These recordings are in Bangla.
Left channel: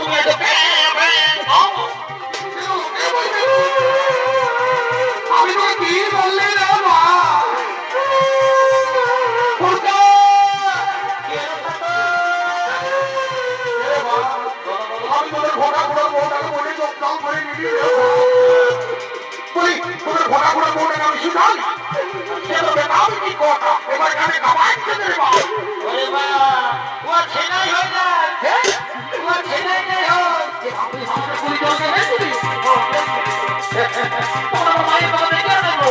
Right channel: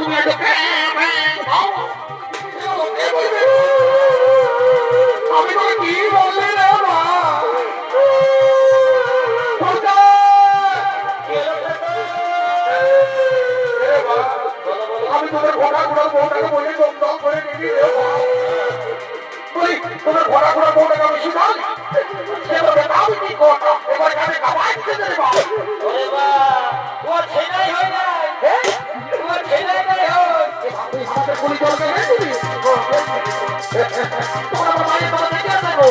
তুমি এত আমি তো কি বললে রে মা আমি তোদের ঘোড়া ঘোড়ার বউটাকে বলে লোকটাও করে নিবি বলি তোদের ঘোড়া ঘোড়ার বউটাকে আমি শুনাই সে তো বেটাও কি কথা এবার গানে খাওয়াইছে রে মা ও ছেলে হয় না ও ছেলে নেই হয় তুই হাতে পুলি জলকে নিয়ে দিবি তোমার মায়ের কথা দেখে দেবো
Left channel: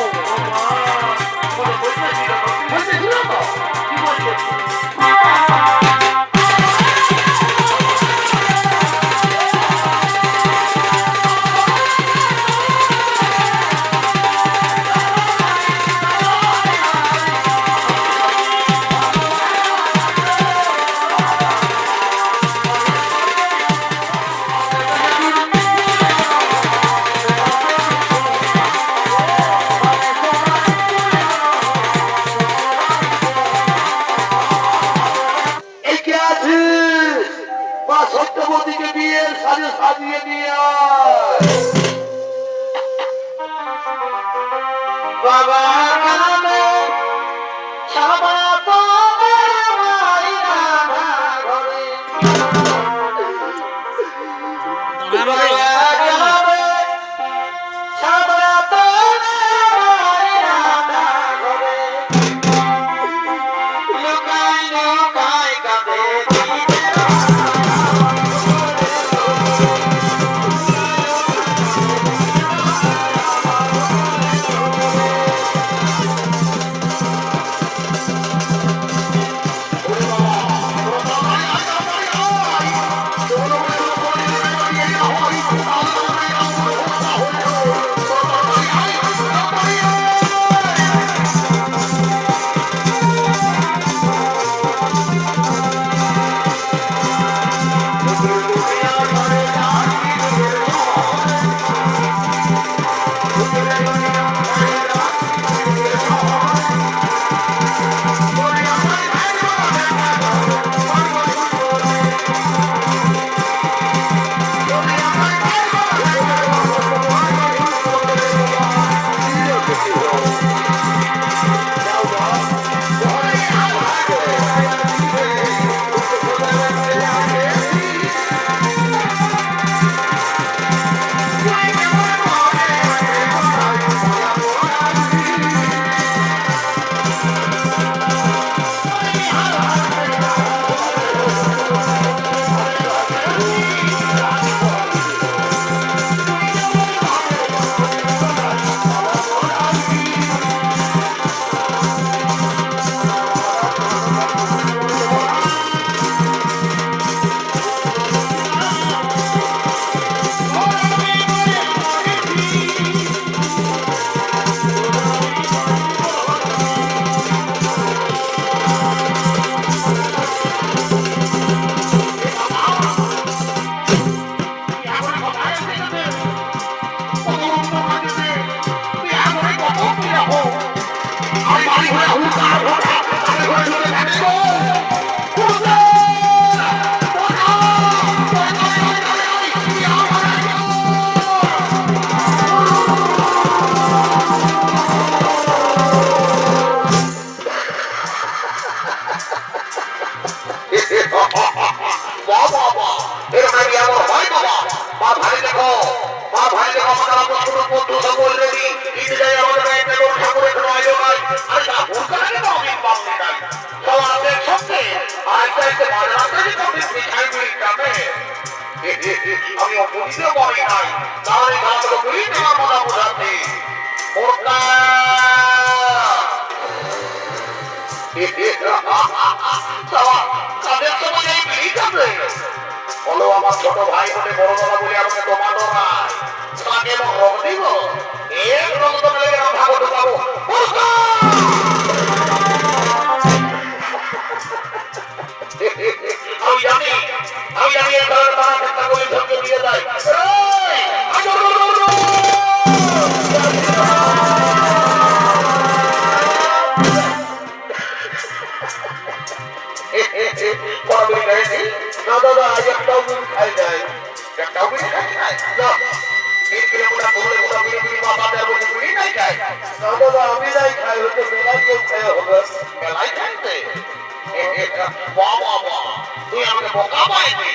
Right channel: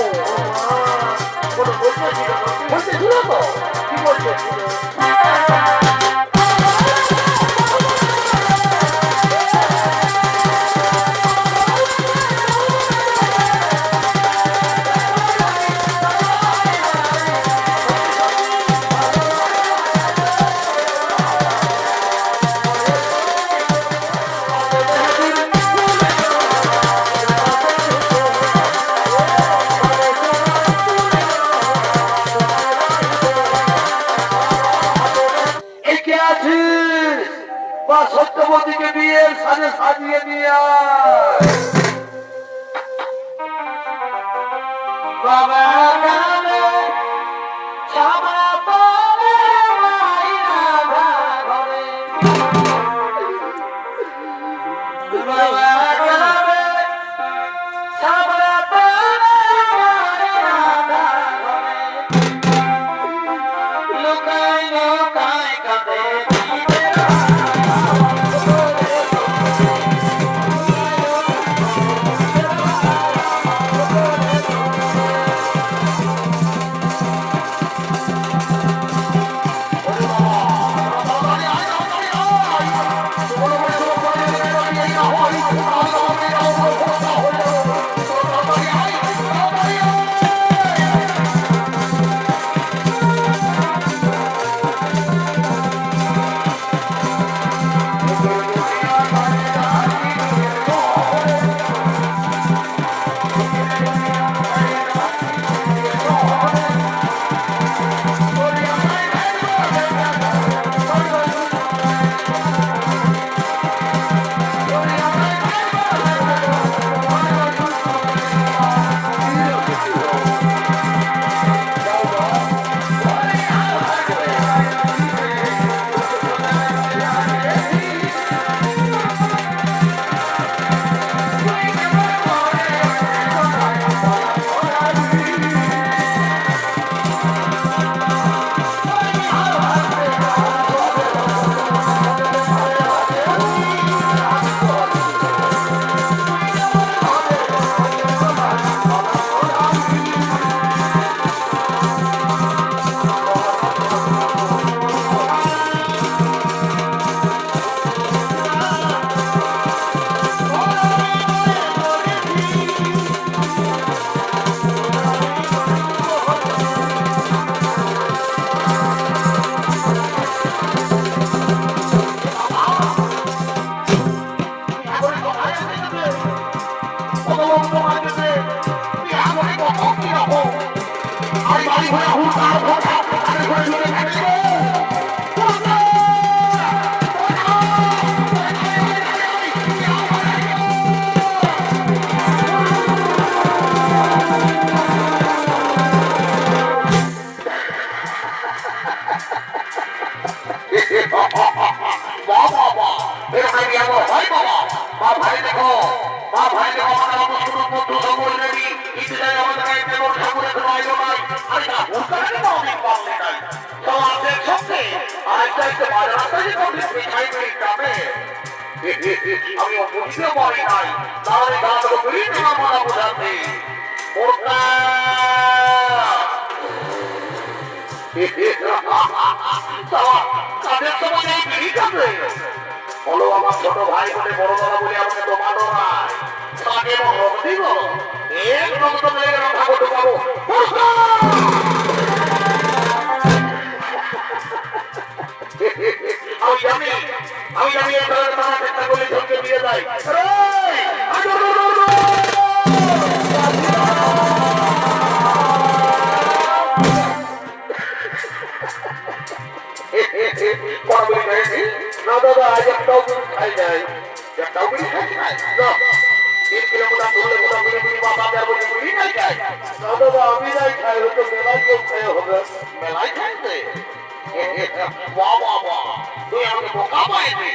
বলতে ছিল তো কি বলছে সত্যবতীকে বিয়ের সাজে সাজিয়ে নিয়ে বাবা আমি বুঝতে পারি নাই তাহলে গাছগুলো করি তোমার মনে বোঝাতে তাদের তোমাকে ঠিক আছে বলো আমার ছোট ভাই বলে বড় বড় বলে আমাকে দোকানো নাই তাকে রং দিব এক রং তো মেলে ঢাকো ঢুকাবো আমি জানি এই ধরনের নানা চেষ্টা করে ধরতে দিয়ে যাই না দাদা আজ একটাও বিড়ি খাই নাই। একটাও বিড়ি খাই নাই? না 3 কিলোমিটার দূরে কোথাও বিড়ি বা বাজার বসে বিড়ি নাই খাই? না দাদা আমি নাই খাই, হয়তো মেলা কেউ খেয়ে হবে। মেলায় খাইতে? বাহ বাহ বাহ, তুই আমাকে বোকা পাইনি।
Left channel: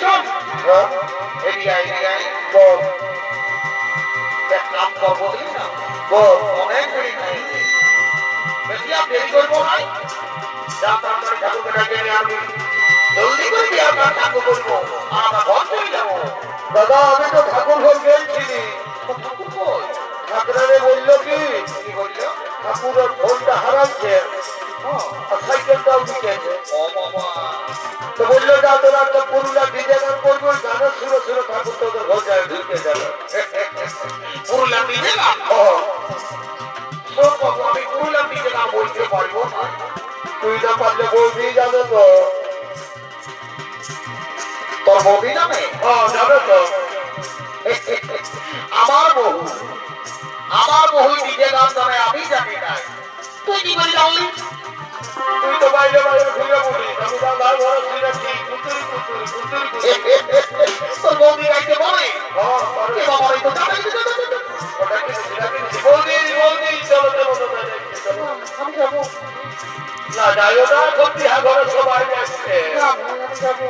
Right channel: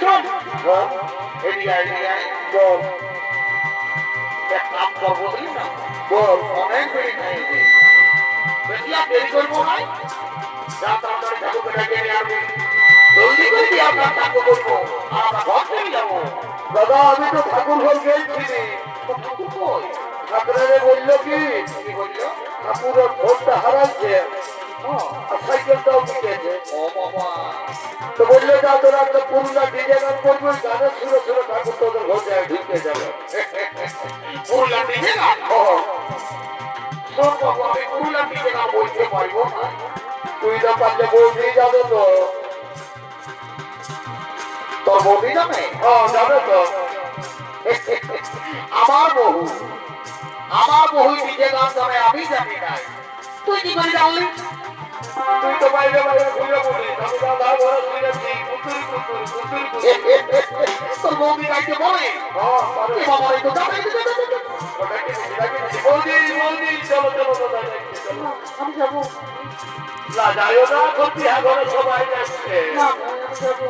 শোন, হ্যাঁ এদিকে আয়, এদিকে আয়। বল এক কাম করবো বুঝলি না, বল। অনেক বিড়ি খাইয়েছে, বেশি আর দেরি করবো না, যা তারপরে ঠাকুরকে ডাকে নিয়ে আসবি, জলদি করবি, আপনার ঠাকুর করবো আর আমরা ঘর চলে যাবো। দাদা আমি তো ঠাকুর ঘর গেছিলি, তো ঠাকুর কই? ঠাকুরারে বললো কি কি বললো? ঠাকুরের ফোনটা হারাচ্ছে আর সাইকেলটাও দিকেছে। ও বাবা, তো বললো যা তোরা একটা পুরুলা ডিজে গান করবো, ওই গানের সুরে সুরে ঠাকুর তোদের ঘর যায় ঢুকে যাবে। পুরুলিয়া দিকে না? ও, শোন বাবু, আমি পুরুলিয়া দিকে না বলতে পারবো না। তুই না পারলে বৌদি যাবে তো। তোর বৌদি জানে? যাবে তো। আমার বহু নিজে গান জানে, আমি জানি না। তুই কি করে জানলি? তুই তো বাইরে বাইরে ঘুরে পড়িস, আমি দাদার ঘরে শুনেছি কুতুরি কুতুরি কুতুরি কুতুরি। তোর বৌদি গাইতে বলে? পারে। এ বাবা, এই তো জানে, ওটা কিনেছি, ওটা কিনেছি। বৌদি বৌদি চলো চলো দাদা যাচ্ছি, চলো। আমি যাবো না যাইও না, সত্যি ঘরে সবাই যাচ্ছে। না, আমি যাবো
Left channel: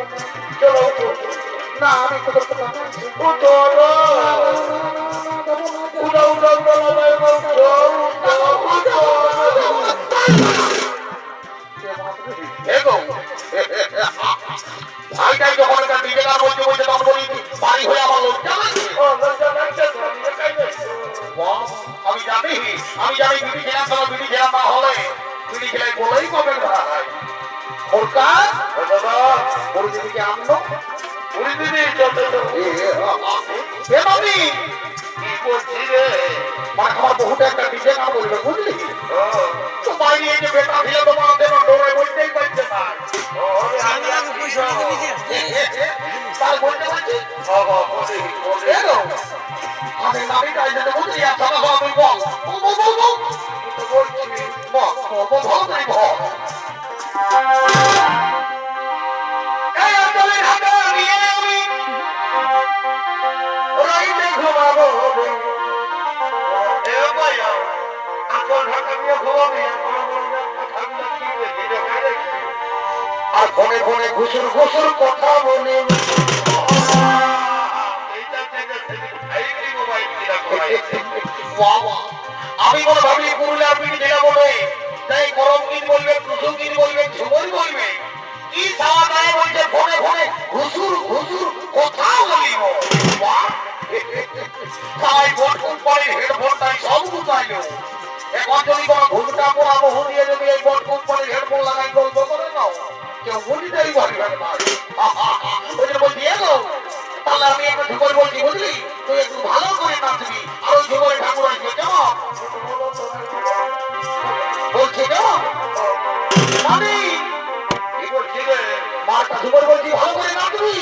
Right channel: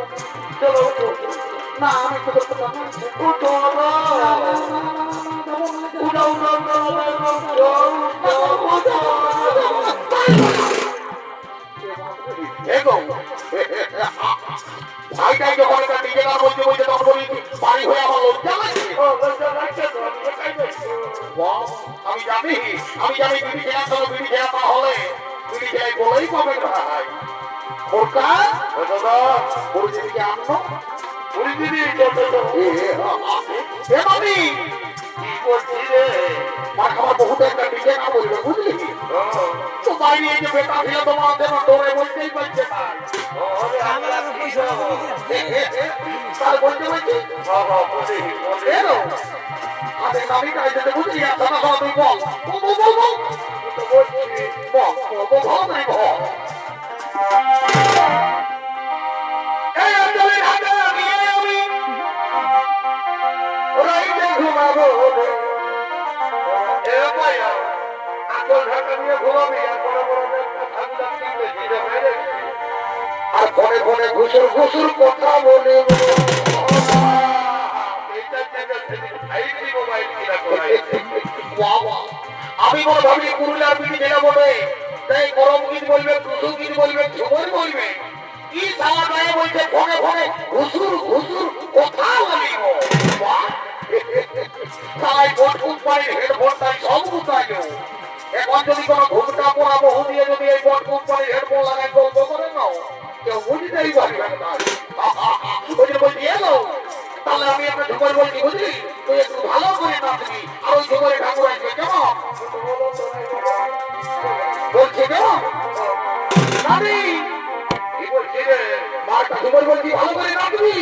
চলো উঠো। না, আমি তো করতে পারবো না। উঠো না। যাবো না, উঠো উঠো উঠো উঠো উঠো উঠো। এগো ভাইটাই যখন একটা নিজে গান বলতে বলতে তখন বলি বাড়ি হয়ে আমার লজ্জা লাগে। ও লজ্জা লাগছে তো, আমি একাই যাচ্ছি। আমি জানি বিড়ি খেলা করো, বিড়ি খেলা না হলে বিড়ি খেলাই বলেই কবে ধরা হয়। ওরকা ও দাদা, পরিস্থিতিকে আনলো উড়ি দিদি চলো চলো। এ বাবি কি করছি রে? মানে আমার বহুত একটা নিজে গান বলবে বুঝলি, ও, তো বাইরে এই যে বেটা ছিল তোমার দেব ডোরে বলতেই পারছে না, ও, হবে, তাই বলতে বলছি বাবা, বলি, বলি। এলো আমি বাবি গাইতে বুঝলি একটা কথা তুই বল বল বল বল আমি তো বলছি। বল বল বল বল তুই বল। এই অঞ্চলে ঢাকা দিয়ে আমি রাইতে ঘুমাবো রে। এ ভাইয়া, এখন ঢাকা নিয়ে ঘুমাবি, এখন বড় একটা ঠান্ডা কিনবে, ধীরে বাইরে। আর ফোনে ফোনে ঘুষুর ঘুষুর কথা বলে এইটা থেকে সেদিন খাইনি মোবাইল কিনা করাইছে। বাবা, আমি মনে ভাবলি পুরুলিয়া বিড়ি দেওয়া মনে তাই গরম গীত বলবে, কুসুম গীত বলবে, ঝুমুর বলবে, কি সারা গায়ে বলছে ফোনে ফোনে ঘুষুর ঘুষুর কথা বলিব। সবাই ভোট কোম্পানির হেডফোনটাই সব গুছাইল। এখন যদি কোনো ঘুমটা পড়া বহু দিয়ে যদি এই ভোট কোম্পানির হেডফোন লাগাই গল্প করে নাও, কেউ বুঝতেই পারবে না। ওই যে বলছি এলো, তাহলে আমি একটা ঝুমর বলছি বুঝলি, তুই একটু ভালো করে নাচবি আর ওই ঝুমরে ঠাকুর আসবে কেমন বলছে কেমন জানি কি বলছি রে? মারটা ঝুমর বলছি ভালো করে নাচবি।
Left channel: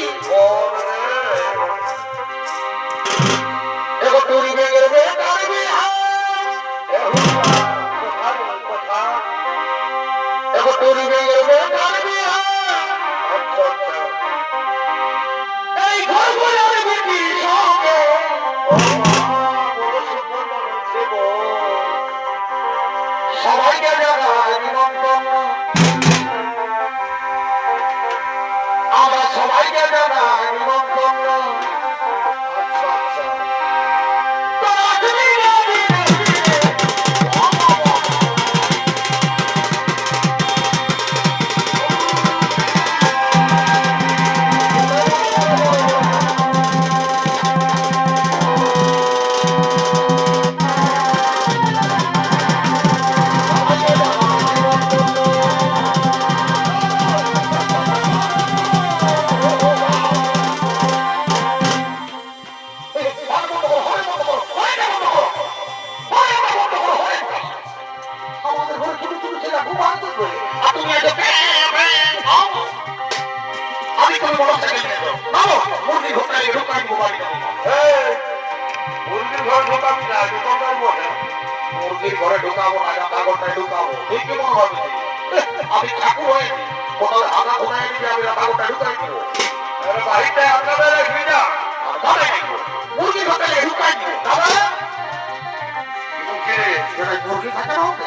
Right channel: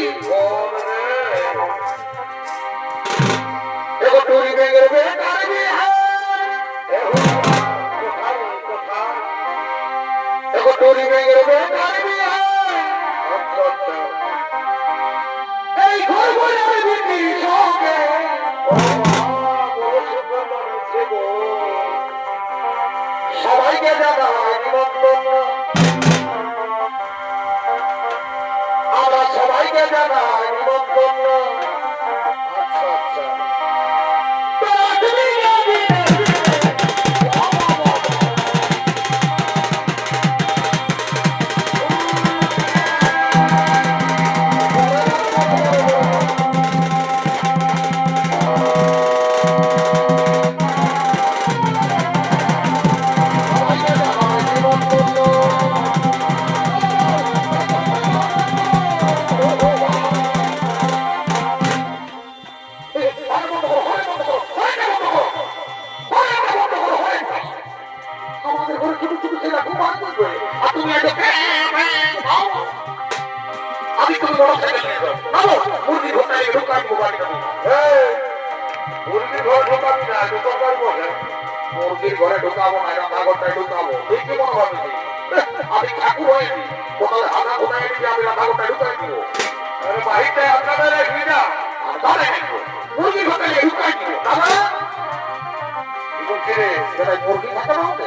এবার টুরি ভেঙে রে কাটবি, এবার টুরি ভেঙে রে কাটবি। এই ঘর ঘরে আমি বিক্রি সঙ্গে সবাইকে জানাই নিমন্ত্রণ, আমরা সবাইকে জানাই নিমন্ত্রণ। মুরগির ঘরে ঢুকাবো না, রান্নাঘরটায় ঢুকাবো, ঠিক কি মনে হবে? আমি ঠাকুর হয়েছি কোথাও হানা ঘোড়া এনে আমি রান্নাঘরটা ঢুকাই দিব আরে বাড়িতে আপনাদের রাখবি না আর দাদা দেখবো মুরগি হোটেলে ঢুকাই দিব দাদা কি বলছি রে? যেটা মুরগি থাকে না হবে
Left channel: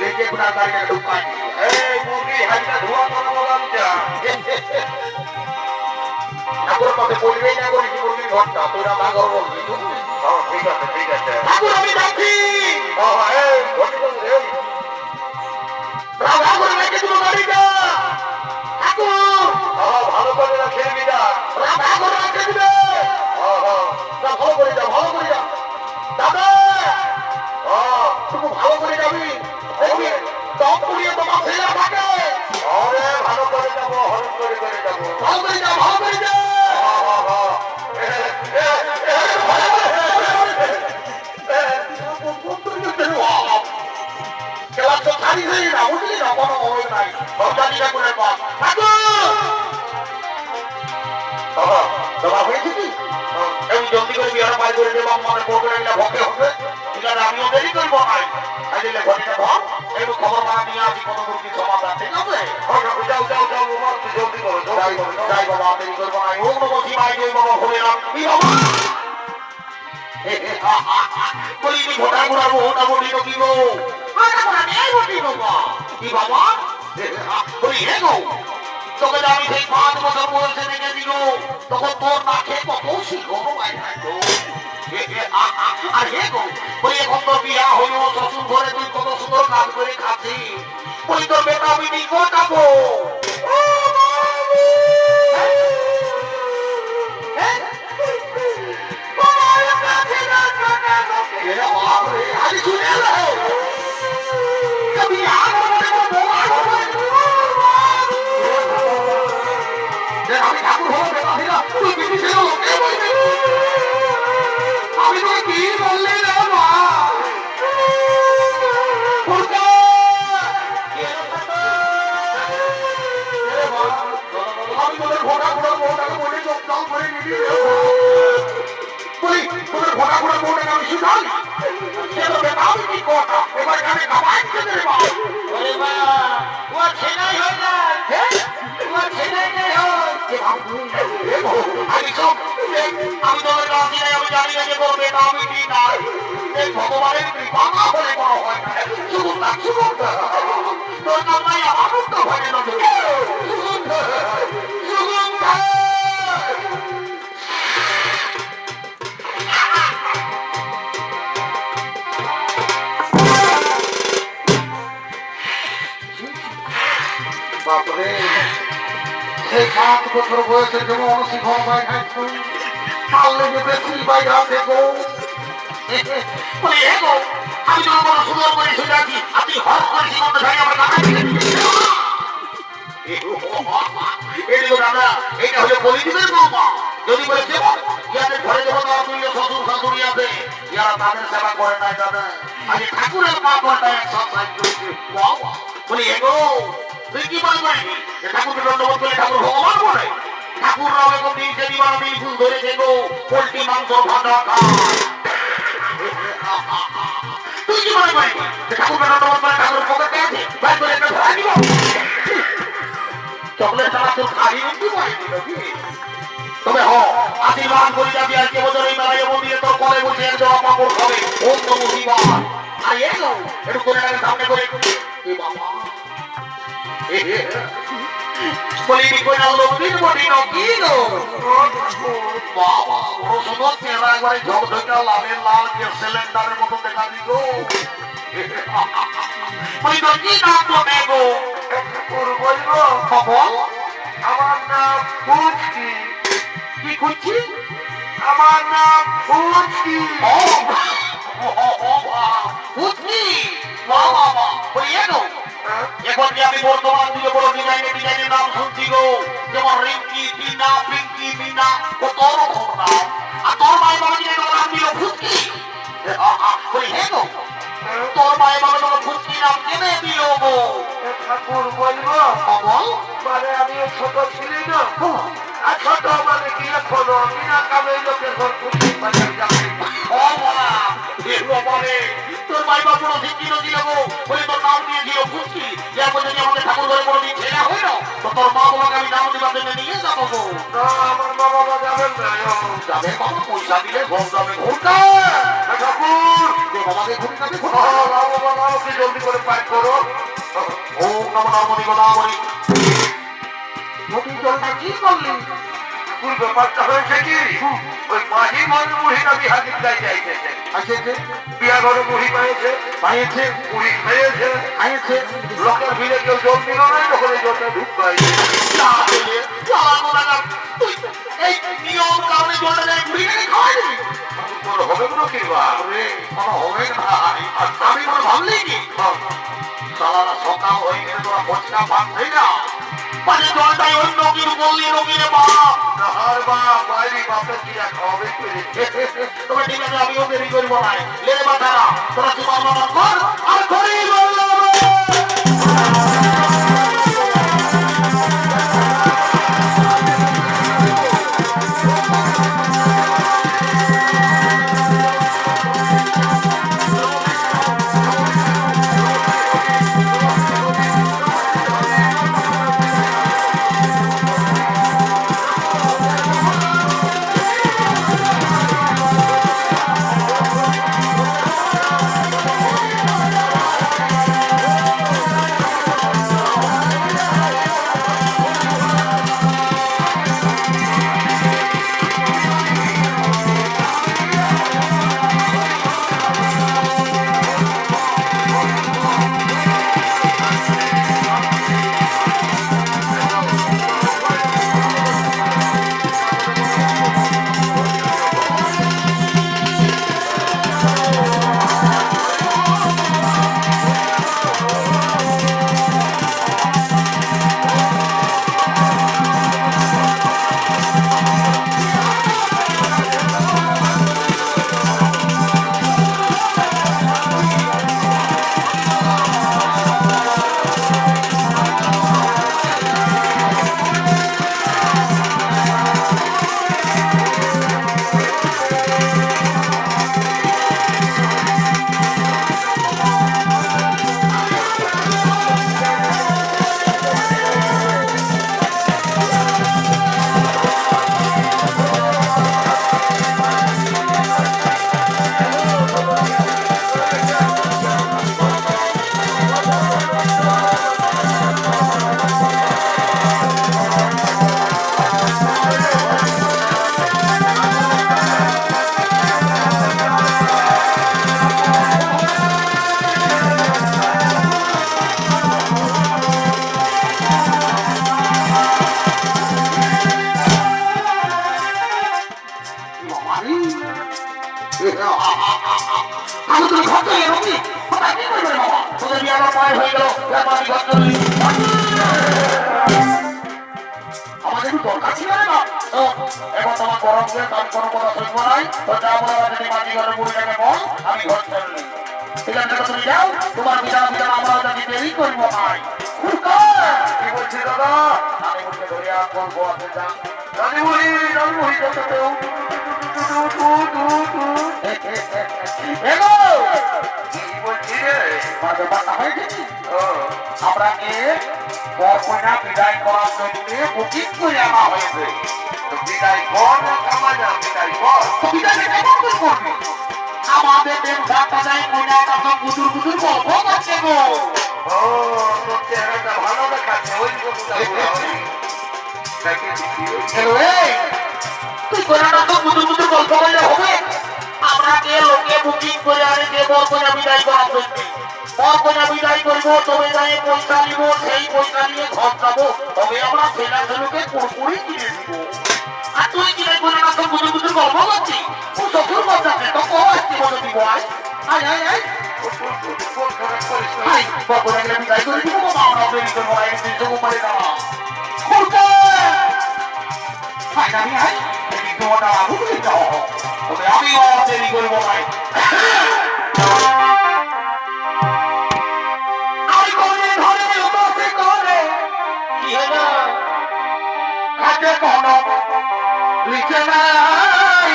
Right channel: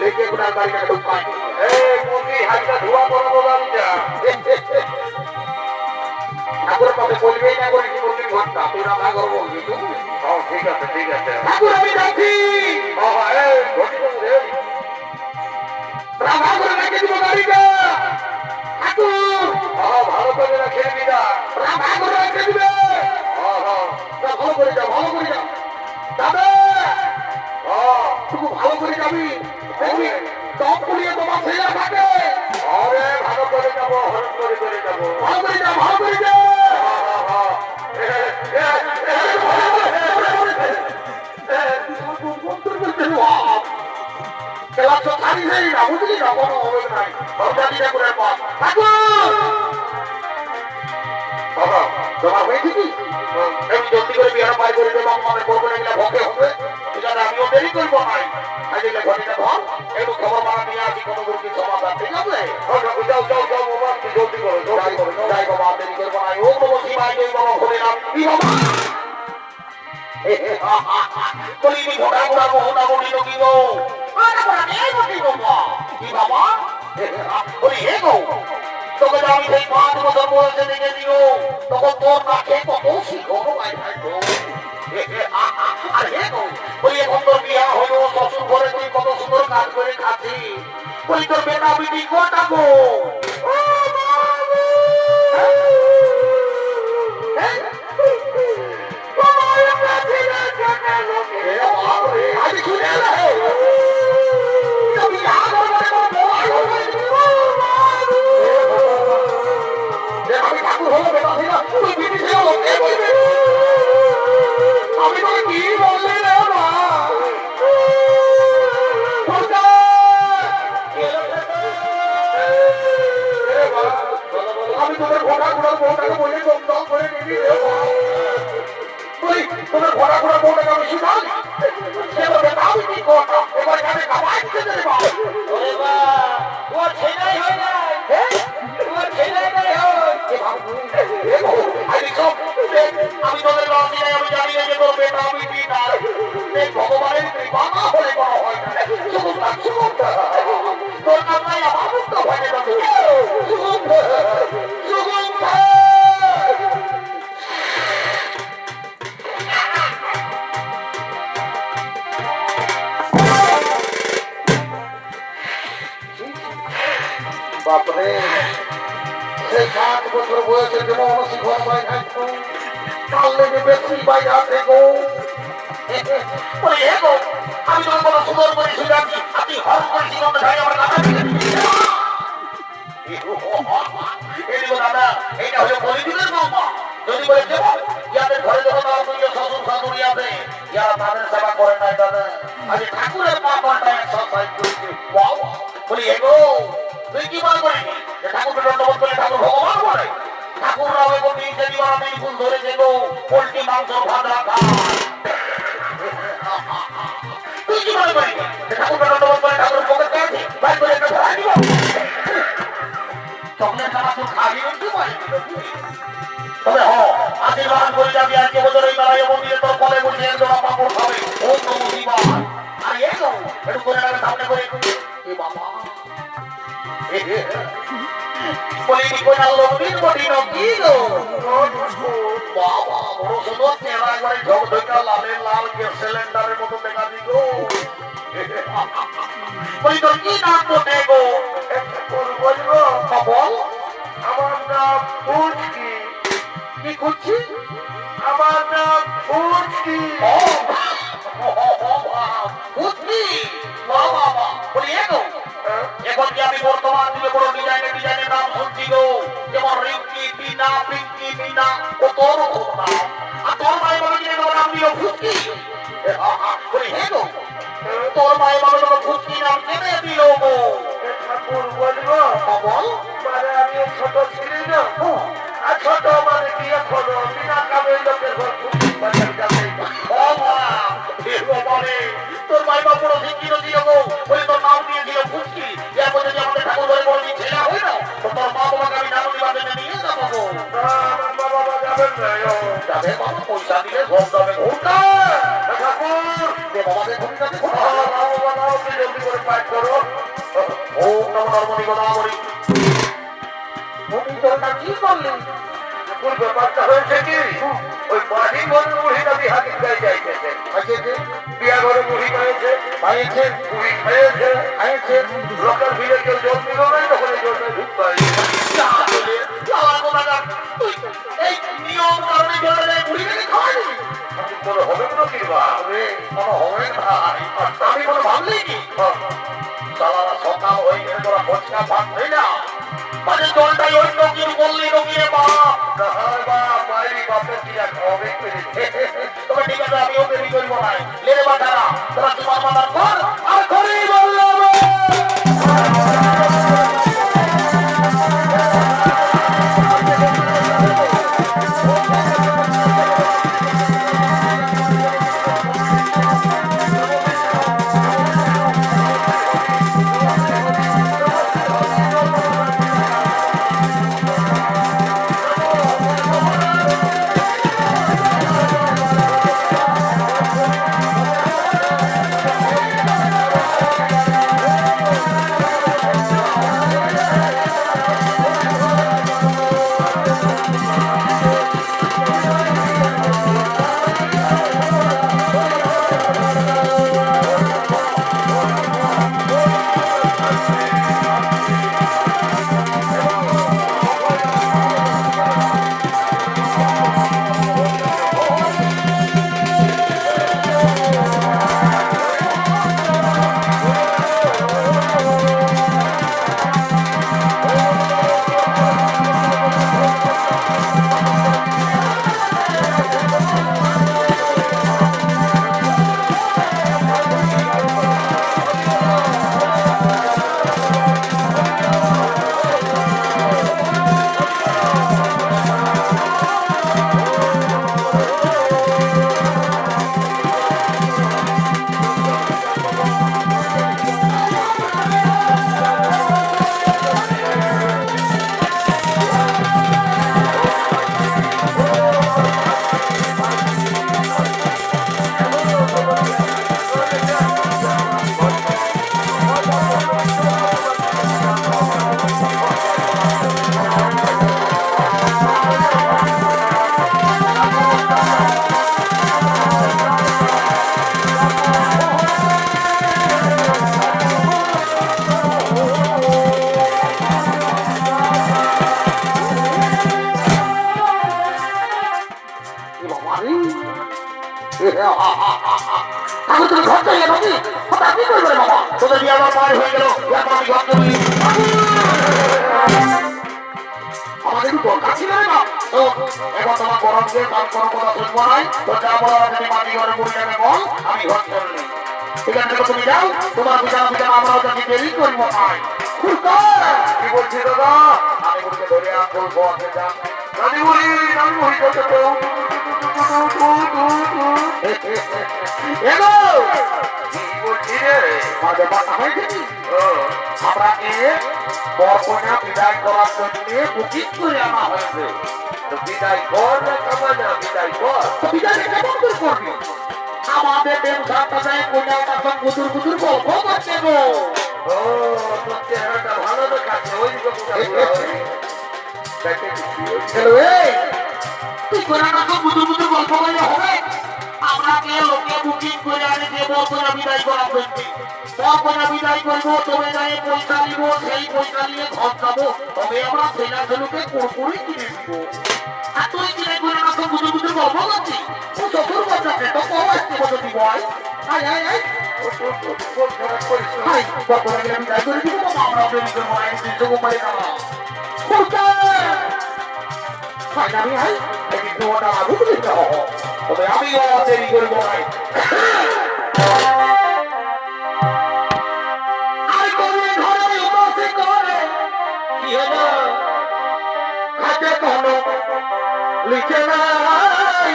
লেগে ঘোড়ার গাড়িটা ঢুকাই দিব এই মুরগি হাড়িটা ধোয়া পড়াবো গাড়িটা ঠাকুরের কথা বলবেই না বলছি মুরগির ঘরটা তুই রান্নাঘর বলবি তুমি ঠিক আছে ঠিক আছে ঠাকুর আমি দেখি বাবা এই বসে বসে এই রান্নাঘরে রেখে দিব গাড়িটা ঠাকুর ভালো করে রাখে দিবি না রান্নাঘরে রেখে দিবে ভালো করে যা ভালো করে যা দাদা তুমি ভালো করে যাবি দেখি দম পুড়িয়ে তোমার ছেলে থাকে আরে ভালো করে যাবো হরণ করে যাবো ভালো করে যা ভালো করে যা খেলা তো ছাড়ি যাই না বুঝলি না কোনো হবে নাই সরকারিটা করে পাস বাবা জমা হয়েছে কি আমি জলদি করে বিহারে বাড়ি করে দেবো মানে বলবো এগুলো ভকে হবে ঠিক আছে আমিও দেরি করবো নাই তাহলে ঘটিটা ভাব একটু খবর বানা নিয়ে আসি কোনো দুর্গির সমাধান ঠিক আছে যাও যাও যাও বাবা তুই জলদি করো যাই বাবা দেরি করবো নাই ও বাবা কি ভাই ওই বাবা ঘুরে এলাম কি বাবা বলিনি ঘোটা ঘোরাবো ওটা বলি তো কি গো কি বাবা ওই হে গো তোকে আমি সেই 5 বছর বয়সে দেখে দিও তখন তোর নাকে কত শিখো আর হে গো ওই এখন তোর বিয়া হলো শ্বশুর ঘরে তুই কত সুন্দর কাজ করে খাচ্ছি ওই তোর বেটা বিবি গোটাবো আমি তো কি বললি রে মা আমি তোদের ঘোড়া ঘোড়ার বউটাকে বলে লোকডাউন করে নিবি তুই তোদের ঘোড়া ঘোড়ার বউটাকে আমি শুনাই সেটা বেটা আমি কি করতাম এবার এখানে খাবার খেতে রে বাবা ও ছেলেই হয় না ও ছেলেই নাই আমি তোদের রাজি নাই আমি জানি না যে তোর বেটা আমি কি নাই এই ভগবানের কৃপা না হলে বড় হয় না শুধু না শুধু তোর জন্যই আমার মুক্ত হয়ে যাবে বাপরে সেই 7 বছর বয়সে যেমন অনশীলন হয় পারলে যে বেশি বাইরে দেখো ওই এগো আমি যখন কোনো সুন্দর করে শুনে আছি আপনি হস করে জীবনটা ধরে আমার কাছে এদিকে দাদা এইটা হলো পরিবারের বৌমা যদি বলেছে ইয়াদের ঘরে যখন তারা তুই শ্বশুর শাশুড়ি আছে ইয়ারা তাদের সেবা করে নাই দাদা আরে ঠাকুরের মা ঘরটা এক্সারসাইজ করছে বলি এগো তুই কি মনে করিনি যে ঠাকুরকে দণ্ডবোধ করে ঠাকুর ভগবান করে ঠাকুর রাবে গো দিয়েছে দিবার আমি ফুল ধরে দেবো পোল্ট্রি মাংস ভাজা খায় তুই কি মনে করিনি যে ঠাকুরকে দণ্ডবোধ করে ঠাকুর পকেটে আছে ভাই করে একটা ধরা দিব চকলেট ছাড়া তো খাই কিন্তু তবে আশীর্বাদ করে যাবি আজকে বছর এই বেলায় মন্দিরে তোর ফলে বসে দেওয়া পাপড় খাবে বন্ধ মহিবা আর এলো একটু করে আগে সামনে করে কি বাবা বলিনি কোনা লোকের বডি নকি গো বাবা বড় সুন্দর চেহারা একবারে ঝকঝকে লালের লাল গ্যাস সিলিন্ডারের মতো দেখা দিগো ওই তো কি নাম বলে গো বল আমার নাম ফুচকি কি করছি আমার নাম ফুচকি বুঝলি বাবা বলিয়ে গো এখন যে আমি বর্তমান যুগে বড় ডিজাইনের নাম শুনছি গো যেমন রিঙ্কি টিনা পিঙ্কি মিনা কত রকম নাম আর তোর মায়ের বাবা যে নাম দিল ফুচকি হে গো তোর মায়ের বাবা যখন ফুচকি নাম কেনে দিল গো ঠাকুর বলবো বল মানে আমি ছোট ছিলি না আর ছোট মানে কি এখনো বিনা কামে লোকের ঘর ফুচকি বাজার যাবে তোর মায়ের বাবা বড় দিন দিল গো বলে তোর নাম দিয়ে দিল ফুচকি এর মধ্যে বাবাকে কত পয়সা দিলে ঘর যাবে ঘুরতে বাবাকে ঘুরি যাবে জলদি করে পাই করো ও কামড়ামণি গোলামণি তুমি তো ওটা কি করলি কোন ব্যাপারটা হয়েছে কি ওই মাহি বন্ধু মহিলা বিহারি গাই যাইতেছে আছে যে বিয়া ঘর মুড়ি পাইছে পাইছে মুড়ি খেয়েছে খাইছে লোকের ভিড়ে কেউ জল দিল নাই ওখানে জলে ঢুক পাই তুই এই নিয়ম কারণে জলে ঘুরি গেলে খাওয়াই দিবি কোনো হবে না কি বা কোনো হবে না আমি কোনো ভাবলেই কি সালারা সকাল হয়ে গেলে তোরা বসকা পাচ্ছি না মানে জলটাই ওই নকির বললি নকিরে বাপ তাহার বা মায়েরই বাপের দিয়া খাওয়াবে পেরেছে তবে ঠিক আছে আমিও দেরি করবো নাই লেরে বা তারা তোরা তোমার মাথা কর আর ঘরেই বললাম তাহলে তুমি ঘর থেকে রবি ওটা কি করবে বাবা তোদের বিয়ে আমার পয়েন্ট হয়ে গেল আমি ঘর থেকে আমার একটু দরকার ছিল না এবার তোমার গরম দিয়ে কাজ করবো না শুনবো নাই তো যা বলো যদি মাটি ঘরে পড়ে যাবে বল আমি ঘর চললে ঠিক আছে তুমি যাও তোমার বিছানা বিছানা আমরা যদি দেরি করবো নাই কি বলছি দাদা আমি বলছি দরিয়া করবো রাজুবুড়ি রাজুবুড়ি এগো কি বলছি রে মাঝে কথা হয়ে গেছি আমরা বরকন্যা বিদায় করার জন্য বুকিং করে আনা হয়েছে বিদায় কর না কামানা বিদায় কর বিদায় কেমন করে করবি আমাদের দেব সাতটায় কন্যার কাছে কুতুর কুতুর গল্প করছে গো ও তো চেহারাটা ভালো দেখাচ্ছে ওই তুই কন্যার কাছে কুতুর কুতুর গল্প বলে হবে আমরা লোকে বুকিং করে আনে যে বরকন্যা বিদায় করার জন্য বরকন্যা বিদায় করবো তবে গায়ে পয়সা নিব সেই পয়সা নিয়ে ঘর যাবো তবে আমরা ছেলের জন্যকে কুরকুরি কিনে দিব আর তুই কিনে করে আমাকে বুঝে বুঝে গল্প করছিস তুই শ্বশুর বাজাবে তো কবে আসতে বলে দিব আয় আয় আয় আয় আয় বরকন্যা বিদায় করে দিব না আমরা দেরি করবো আয় কিন্তু করে না আয় আমি আয় কিন্তু ওটা ঢুকে যাও তবে আমিও দেরি করবো না লিখে নাই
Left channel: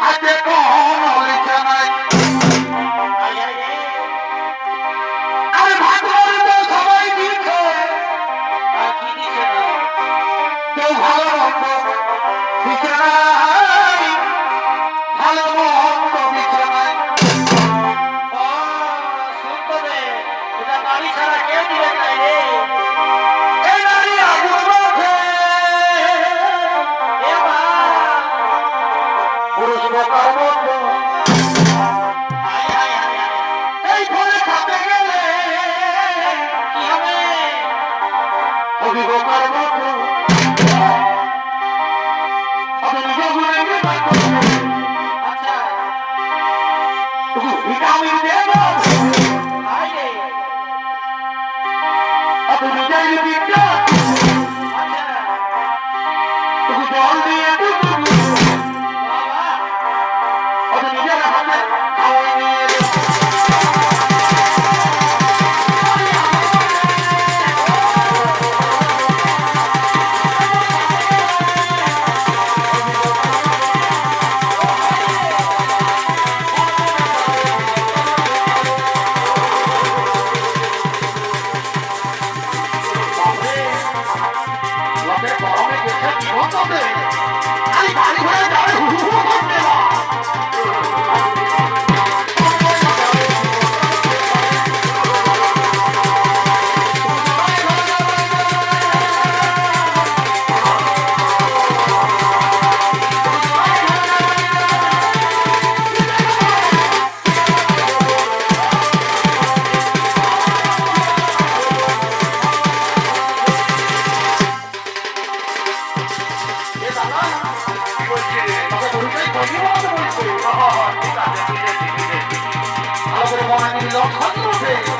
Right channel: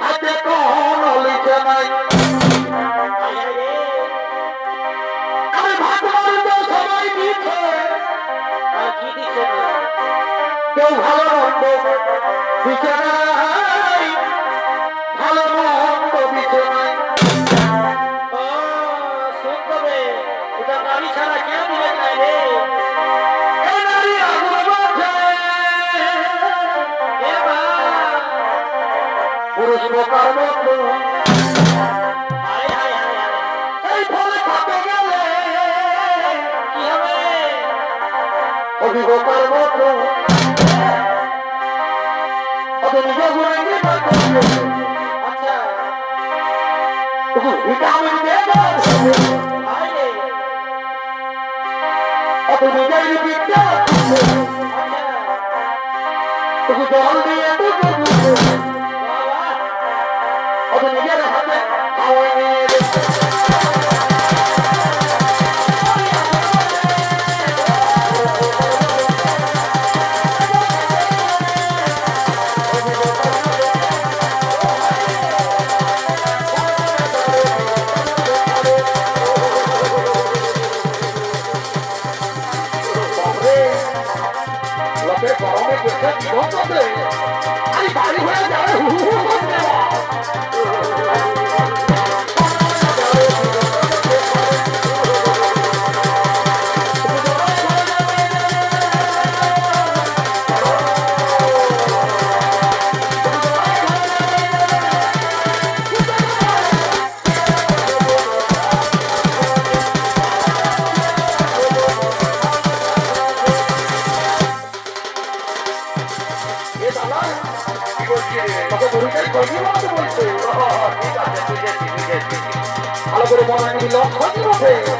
হাতে কোনো লিখে নাই আরে ভাগবান তো সবাই দিচ্ছে কি দিচ্ছে কেউ ভালো মন্দ বিছানায়, ভালো মন্দ বিছানায়। বাড়ি ছাড়া কেউ দিলেন নাই রে। এই নারী আগুন মাঝে এ মা, পুরুষ বোকার মতো হায় হায় হায় হায়। এই ফলে খাতে গেলে কি হবে? অভিবোকার মতো আপনি নিজে ঘুরে গিয়ে আচ্ছা, ভিটামিন দিয়ে দাও, হায় রে। আপনি নিজেই দিকটা আচ্ছা, জল দিয়ে বাবা, আপনি নিজের হাতে খাওয়াই নিয়ে বাড়ি ঘরে যাবে ভালো করে মনে লক্ষ্য